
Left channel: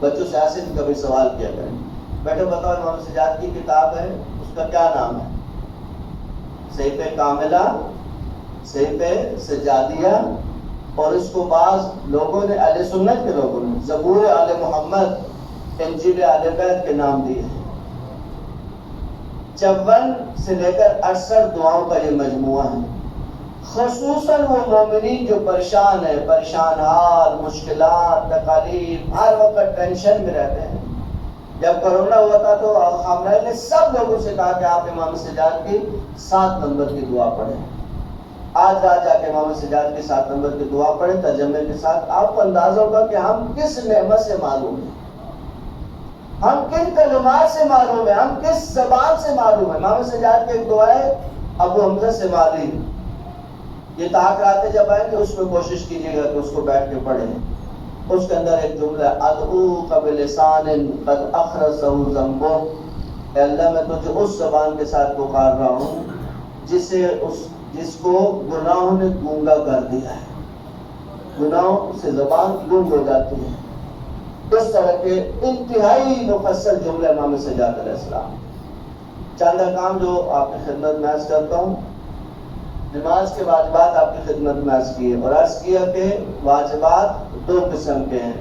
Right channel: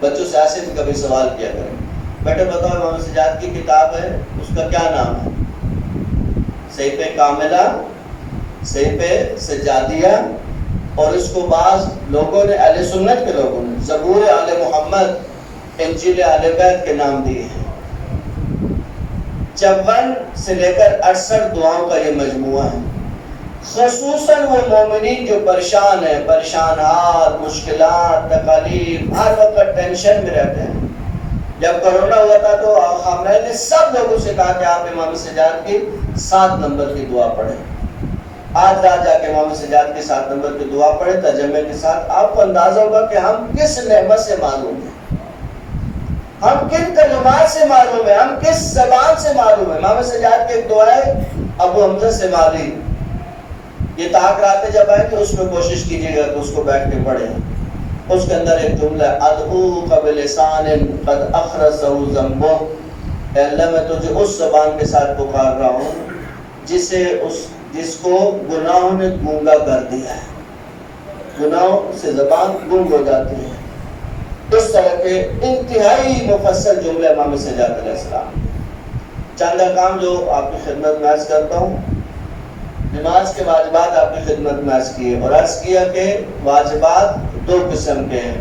بچوں سے ایسے بھی کبھی سوال کیا کریں, بیٹے بتاؤ امام سجاد کی کتاب ہے, اس کا کیا نام ہے. صحیفہ کاملہ, صحیفہ سجادیہ, اور اس کو بعض لوگوں نے, اہل سنت کے لوگوں نے, زبور آل محمد, انجیل اہل بیت کے نام دیے ہیں. 54 سے لے کر 68 دعاؤں کا یہ مجموعہ ہے. خصوصاً وہ مومنین جو پریشان ہیں, پریشان حال, مشکلات, تکالیف, ہر وقت ٹینشن میں رہتے ہیں. جب کرونا ہوا تھا تو میں نے سب لوگوں سے کہا کہ آپ امام سجاد کی 7 نمبر کی دعا پڑھیں. آج رات جا کے امام سجاد کی 7 نمبر کی دعا پڑھیں ترجمے کے ساتھ. آپ کو اندازہ ہوگا کہ ہم کس نعمت سے معلوم ہیں, ہم کن کلمات سے معلوم ہیں, ہم کس زبان سے معلوم ہیں. امام سجاد کی ایک دعا ہے ابو حمزہ سے مالی, یہ طاق راتیں جب آئیں تو اس میں کوشش کیجیے گا کہ اس کو بیٹھ کے پڑھیں. اس کے اندر ایک جملہ ہے, ادعوک بلسان قد اخرسہ ذنبہ, اے اللہ میں تجھے اس زبان کے ساتھ پکار رہا ہوں جس کو گناہوں نے گونگا کر دیا ہے. گناہوں سے زبان گونگ ہو جاتی ہے. اس طرح کے انتہائی مفصل جملے امام سجاد علیہ السلام. چند احکام جو آپ کی خدمت میں عرض کرتا ہوں. نماز کے واجبات آپ کی خدمت میں عرض کیے, اور عرض کیا کہ واجبات 2 قسم کے ہیں,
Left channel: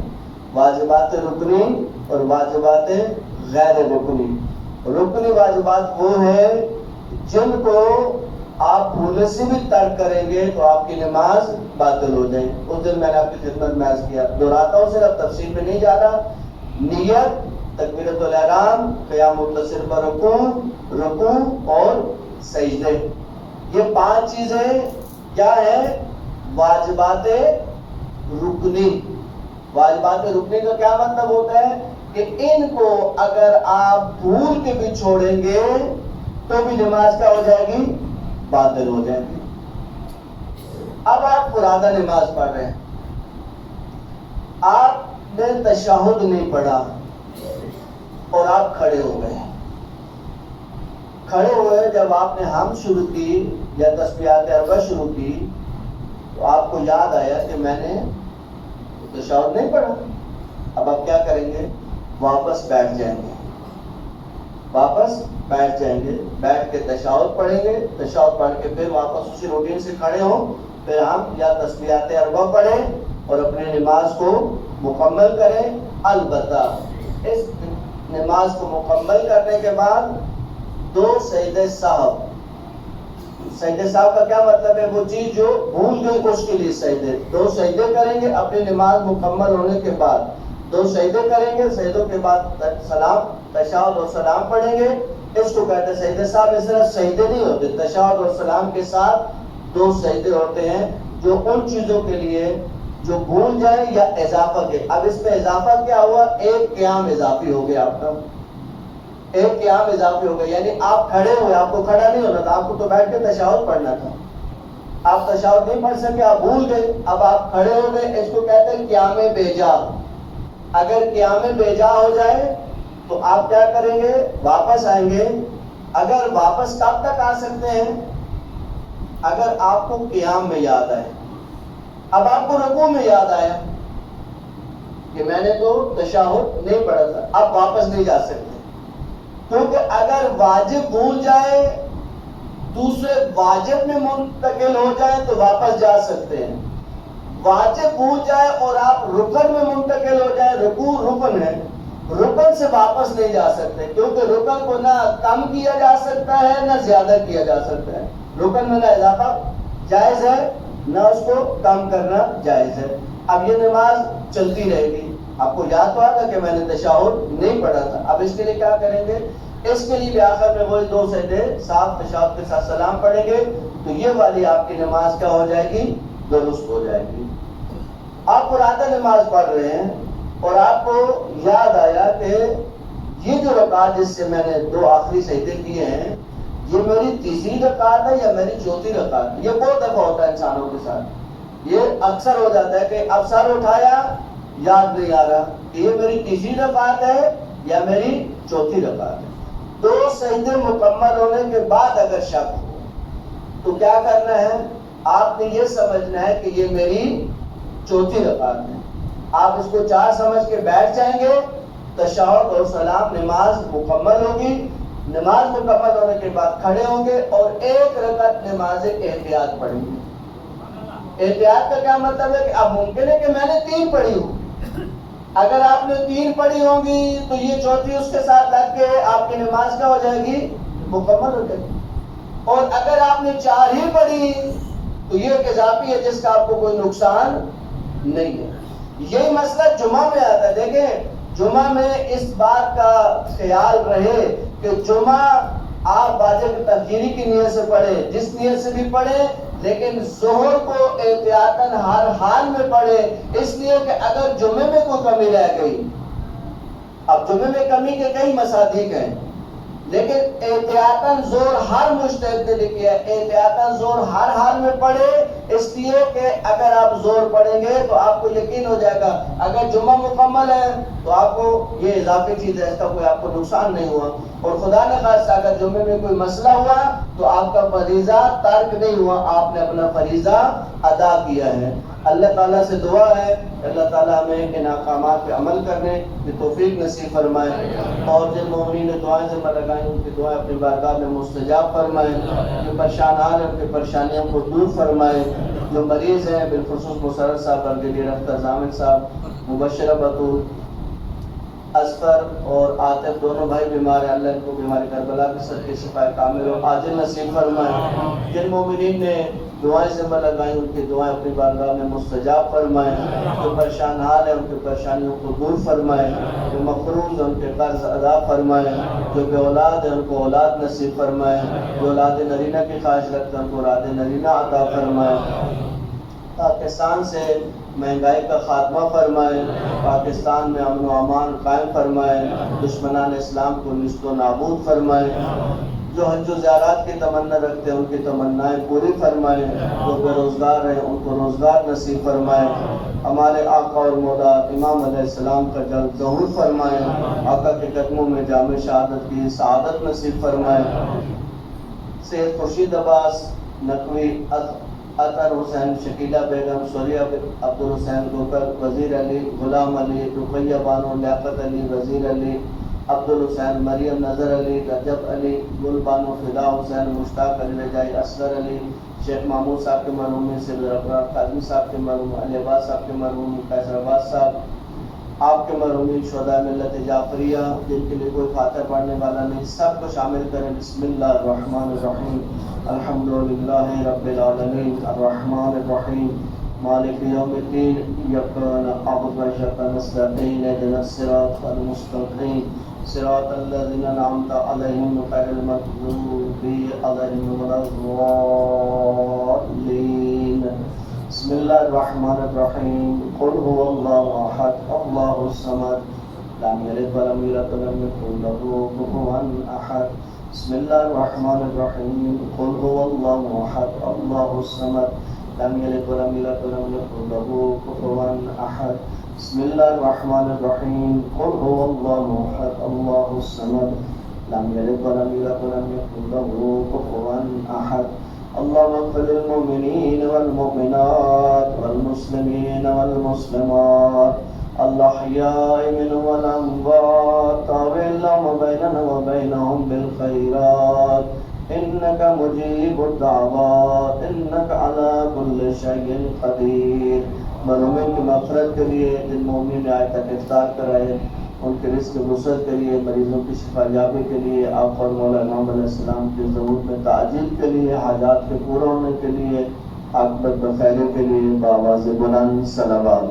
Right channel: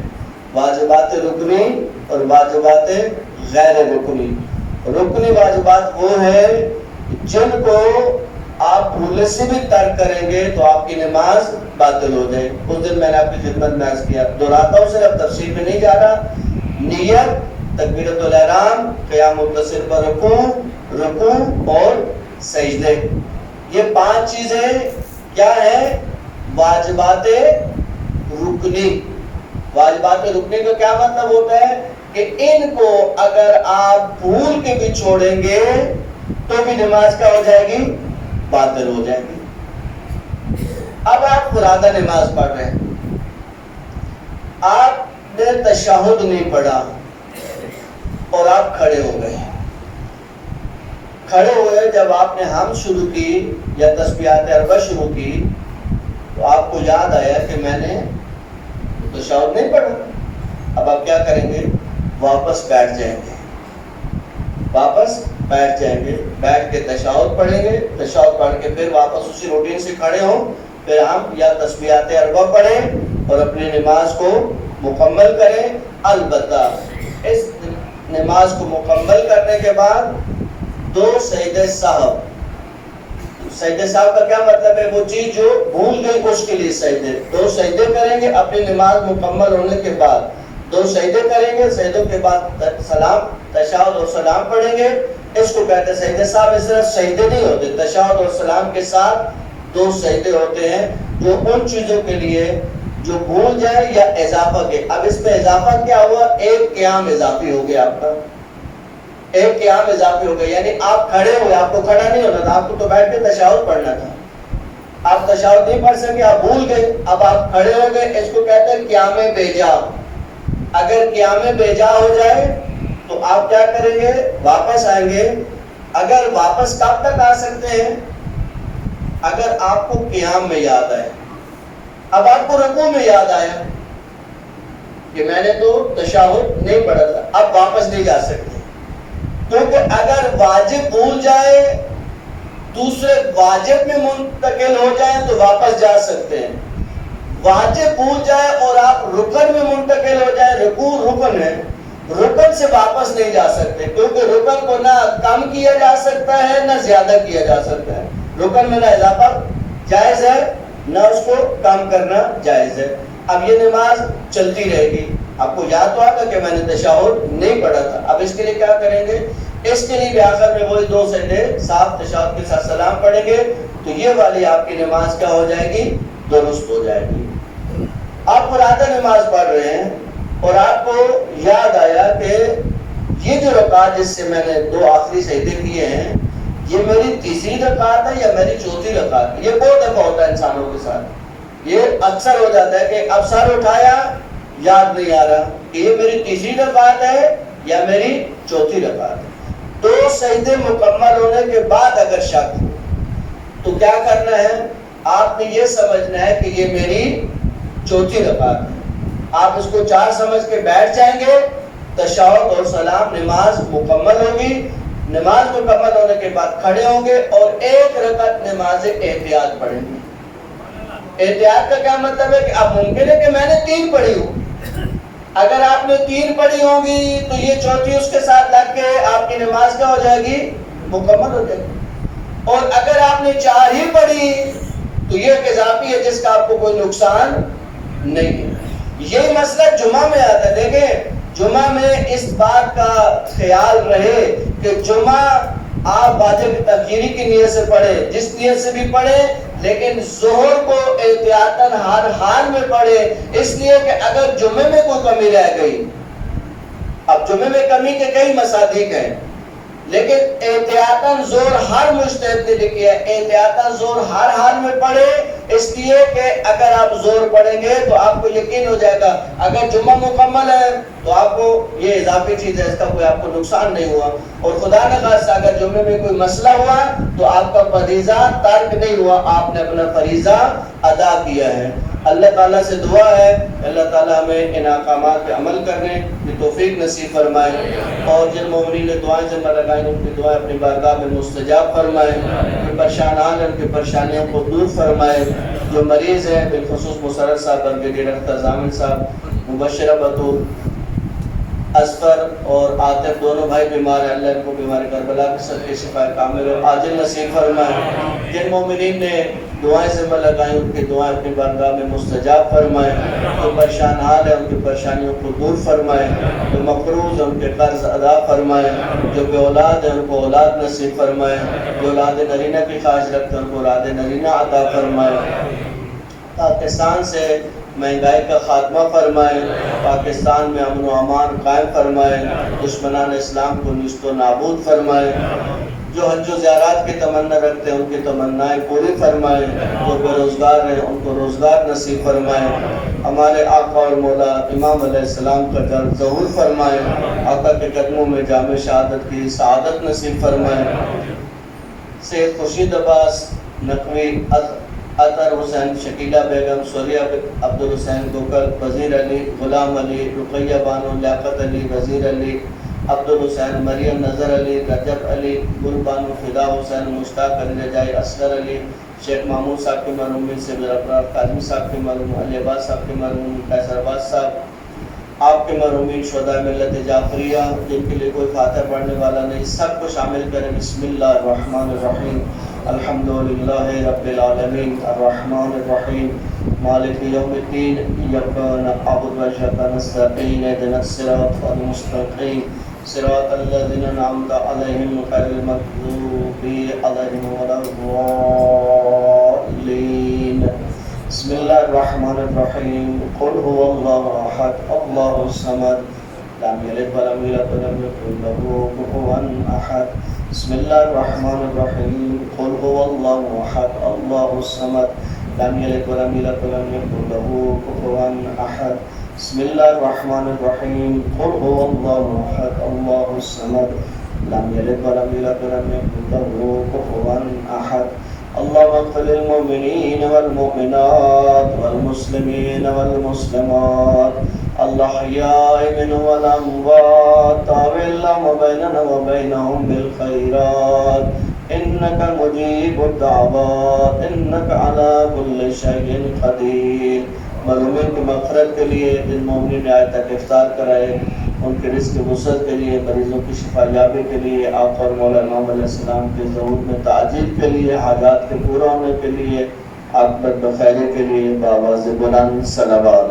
واجبات رکنی اور واجبات غیر رکنی. رکنی واجبات وہ ہیں جن کو آپ بھولے سے بھی ترک کریں گے تو آپ کی نماز باطل ہو جائے. اس دن میں نے آپ کی خدمت میں عرض کیا, دہراتا ہوں, صرف تفصیل میں نہیں جا رہا. نیت, تکبیرۃ الاحرام, قیام متصل پر رکوع اور سجدے, یہ 5 چیزیں کیا ہیں, واجبات رکنی. واجبات رکنی کا کیا مطلب ہوتا ہے کہ ان کو اگر آپ بھول کے بھی چھوڑیں گے تو بھی نماز کیا ہو جائے گی, باطل ہو جائے گی. اب آپ فرادہ نماز پڑھ رہے ہیں, آپ نے تشہد نہیں پڑھا اور آپ کھڑے ہو گئے. کھڑے ہوئے جب آپ نے حمد شروع کی یا تسبیحات اربع شروع کی تو آپ کو یاد آیا کہ میں نے تشہد نہیں پڑھا. اب آپ کیا کریں گے, واپس بیٹھ جائیں گے, واپس بیٹھ جائیں گے, بیٹھ کے تشہد پڑھیں گے. تشہد پڑھ کے پھر واپس اسی روٹین سے کھڑے ہوں, پھر ہم یا تسبیحات اربع پڑھیں اور اپنی نماز کو مکمل کریں. البتہ اس نماز کو مکمل کرنے کے بعد 2 سجدے سہو. سجدے سہو کا کیا مطلب ہے, وہ چیز جو بھول گئی اس کے لیے سجدے. 2 سجدے کریں گے اپنی نماز مکمل ہونے کے بعد, 2 سجدے کریں گے, سجدوں کے بعد سلام, تشہد اور سلام پڑھیں گے. اس کو کہتے ہیں سجدے سہو. اس طرح سجدے نہیں ہوتے, تشہد اور سلام کے ساتھ 2 سجدے ہوتے ہیں جو ان چیزوں کے لیے جو بھول جائے یا اضافہ کے. اب اس پہ اضافہ کیا ہوا, ایک قیام اضافی ہو گیا آپ کا, ایک قیام اضافی ہو گیا. یعنی آپ کھڑے ہوئے, آپ کو کھڑا نہیں ہونا تھا, آپ کو تو بیٹھ کے تشہد پڑھنا تھا, آپ تشہد نہیں پڑھ سکے, آپ بھول گئے, اب آپ کھڑے ہو گئے. اس کو کہتے ہیں قیام بیجا. اگر قیام بیجا ہو جائے تو آپ کیا کریں گے, واپس آئیں گے. اگر واپس کب تک آ سکتے ہیں, اگر آپ کو قیام میں یاد آئے، اب آپ کو رکوع میں یاد آیا کہ میں نے تو تشہد نہیں پڑھا تھا، اب واپس نہیں جا سکتے، کیونکہ اگر واجب بھول جائے دوسرے واجب میں منتقل ہو جائیں تو واپس جا سکتے ہیں، واجب بھول جائے اور آپ رکن میں منتقل ہو جائیں، رکوع رکن ہے، رکن سے واپس نہیں جا سکتے، کیونکہ رکن کو نہ کم کیا جا سکتا ہے نہ زیادہ کیا جا سکتا ہے، رکن میں نہ اضافہ جائز ہے نہ اس کو کم کرنا جائز ہے۔ اب یہ نماز چلتی رہے گی، آپ کو یاد تو آگا کہ میں نے تشہد نہیں پڑھا تھا، اب اس کے لیے کیا کریں گے؟ اس کے لیے بھی آخر میں وہی 2 سجدے صاف تشہد کے ساتھ سلام پڑھیں گے، تو یہ والی آپ کی نماز کیا ہو جائے گی؟ درست ہو جائے گی۔ آپ فرادہ نماز پڑھ رہے ہیں اور آپ کو یاد آیا کہ یہ جو رکعت جس سے میں نے 2 آخری سجدے کیے ہیں یہ میری تیسری رکعت ہے یا میری چوتھی رکعت ہے؟ یہ بہت دفعہ ہوتا ہے انسانوں کے ساتھ، یہ اکثر ہو جاتا ہے کہ اب سر اٹھایا یاد نہیں آ رہا کہ یہ میری تیسری رکعت ہے یا میری چوتھی رکعت ہے۔ 2 سجدے مکمل ہونے کے بعد اگر شک ہو تو کیا کرنا ہے؟ آپ نے یہ سمجھنا ہے کہ یہ میری چوتھی رکعت ہے، آپ اس کو 4 سمجھ کے بیٹھ جائیں گے، تشہد اور سلام نماز مکمل ہوگی، نماز مکمل ہونے کے بعد کھڑے ہوں گے اور 1 رکعت نماز احتیاط پڑھیں گے۔ احتیاط کا کیا مطلب ہے کہ اب ممکن ہے کہ میں نے 3 پڑھی ہوں، اگر آپ نے 3 پڑھی ہوں گی تو یہ چوتھی اس کے ساتھ لگ کے آپ کی نماز کیا ہو جائے گی؟ مکمل ہو جائے گی، اور اگر آپ نے 4 ہی پڑھی تو یہ ایک اضافی ہے جس کا آپ کو کوئی نقصان نہیں ہے۔ یہی مسئلہ جمعہ میں آتا ہے، دیکھیں جمعہ میں اس بات کا خیال رہے کہ جمعہ آپ واجب تخیری کی نیت سے پڑھیں، جس نیت سے بھی پڑھیں، لیکن ظہر کو احتیاطاً ہر حال میں پڑھیں، اس لیے کہ اگر جمعے میں کوئی کمی رہ گئی، اب جمعے میں کمی کے کئی مصادیق ہیں، لیکن احتیاطاً زور ہر مجتہد نے لکھی ہے احتیاطاً زور ہر حال میں پڑھے، اس لیے کہ اگر آپ زور پڑھیں گے تو آپ کو یقین ہو جائے گا اگر جمعہ مکمل ہے تو آپ کو یہ اضافی چیز ہے، اس کا کوئی آپ کو نقصان نہیں ہوا، اور خدا نہ خاصہ اگر جمعے میں کوئی مسئلہ ہوا تو آپ کا فریضہ ترک نہیں ہوا، آپ نے اپنا فریضہ ادا کیا ہے۔ اللہ تعالیٰ سے دعا ہے اللہ تعالیٰ ہمیں ان احکامات پہ عمل کرنے کی توفیق نصیب فرمائے، اور جن مومنین نے دعائیں ذمہ لگائیں ان کی دعائیں اپنی بارگاہ میں مستجاب فرمائے، جو پریشان حال ہیں ان کی پریشانیوں کو دور فرمائے، جو مریض ہیں بالخصوص مسرت صاحب، برگیڈیئر اختر ضامن صاحب، مبشرہ بطول، اصفر اور عاطف دونوں بھائی بیمار ہیں، اللہ ان کو بیماری کربلا کے صدقے شفا کامل اور عاجل نصیب فرمائے، جن مومنین نے دعائیں ذمہ لگائیں ان کی دعائیں اپنی بارگاہ میں مستجاب فرمائے، جو پریشان حال ہے ان کی پریشانیوں کو دور فرمائے، جو مقروض ہیں ان کے قرض ادا فرمائے، جو بے اولاد ہیں ان کو اولاد نصیب فرمائے، جو اولاد نرینہ کی خواہش رکھتے ہیں ان کو اولاد نرینہ عطا فرمائے، پاکستان سے مہنگائی کا خاتمہ فرمائے، پاکستان میں امن و امان قائم فرمائے، دشمنان اسلام کو نیست و نابود فرمائے، جو حج و زیارات کی تمنا رکھتے ہیں ان کی تمنائیں پوری فرمائے، جو بے روزگار ہیں ان کو روزگار نصیب فرمائے، ہمارے آقا اور مولا امام علیہ السلام کا جلد ظہور فرمائے، آقا کے قدموں میں جامع شہادت کی سعادت نصیب فرمائے، سید خورشید عباس نقوی، اطہر حسین، شکیلہ بیگم، سوریہ عبد الحسین گوکل، وزیر علی، غلام علی، رقیہ بانو، لیاقت علی، وزیر علی، عبد الحسین، مریم نظر علی، رجب علی، گل بانو، فدا حسین، مشتاق علی رجائی، اصغر علی، شیخ محمود صاحب کے مرحومین سے قاضی صاحب کے مرحوم، علی عباس صاحب کے مرحوم، قیصر عباس صاحب، آپ کے مرحومین شہداء ملت جعفریہ جن کے لیے کوئی خاطر پڑھنے والا نہیں، سب کو شامل کریں۔ بسم اللہ الرحمن الرحیم، الحمدللہ رب العالمین، الرحمن الرحیم، مالک یوم الدین، ایاک نعبد و ایاک نستعین، اہدنا الصراط المستقیم، صراط الذین انعمت علیہم غیر المغضوب علیہم ولا الضالین۔ بسم اللہ الرحمن الرحیم، قل هو اللہ احد اللہ الصمد لم یلد ولم یولد ولم یکن له کفوا احد۔ بسم اللہ الرحمن الرحیم، قل هو اللہ احد اللہ الصمد لم یلد ولم یولد ولم یکن له کفوا احد۔ بسم اللہ الرحمن الرحیم، قل هو اللہ احد اللہ الصمد لم یلد ولم یولد ولم یکن له کفوا احد۔ اللهم اغفر للمؤمنين والمؤمنات والمسلمين والمسلمات الأحياء منهم والأموات تابع اللهم بيننا وبينهم بالخيرات إنك مجيب الدعوات إنك على كل شيء قدير. مظلومین کی مغفرت کے لیے جن مومنین نے آج تک افطار کرائے ان کے رزق وسعت کے لیے، مریضوں کی شفا یابی کے لیے، آپ اور مولا امام علیہ السلام کے ظہور میں تعجیل کے لیے، حاجات کے پورا ہونے کے لیے، عاقبت بخیر کے لیے، بآواز بلند صلوات.